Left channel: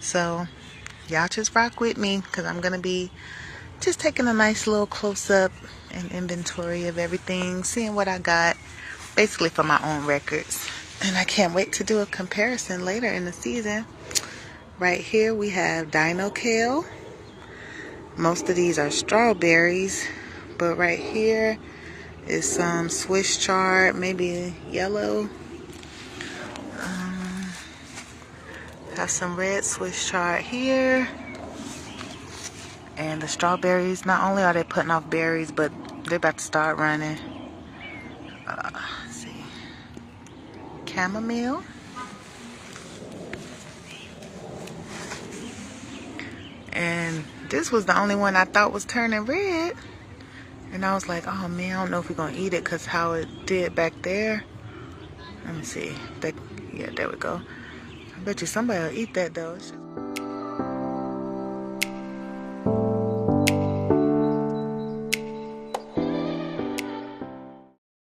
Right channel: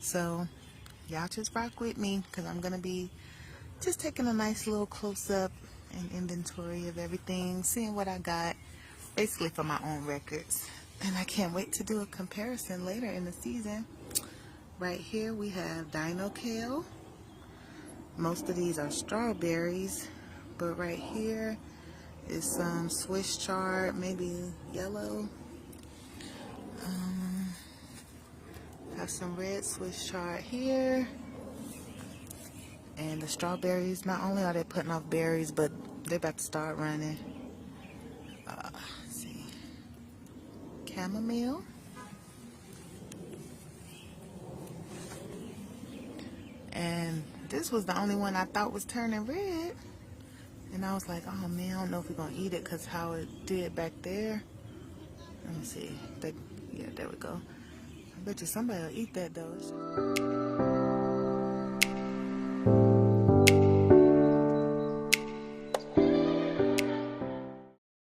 So y'all just rock with me, because I'm gonna be just taking a nice little close-up and inventory of everything, seeing what I got, basically for my own records. And I can't wait to do a comparison later in the season. Right here we have Dino Kale. Most of these are strawberries, but right here is some Swiss chard, maybe yellow. Got some red Swiss chard here. And the strawberries, not only are they putting off berries, but they're about to start running. Let's see. Chamomile. And this was the only one I thought was turning red. And I was like, oh man, I don't know if we're gonna eat it because how it did back there. Let me see. Yeah, there we go. I bet you somebody will eat that though.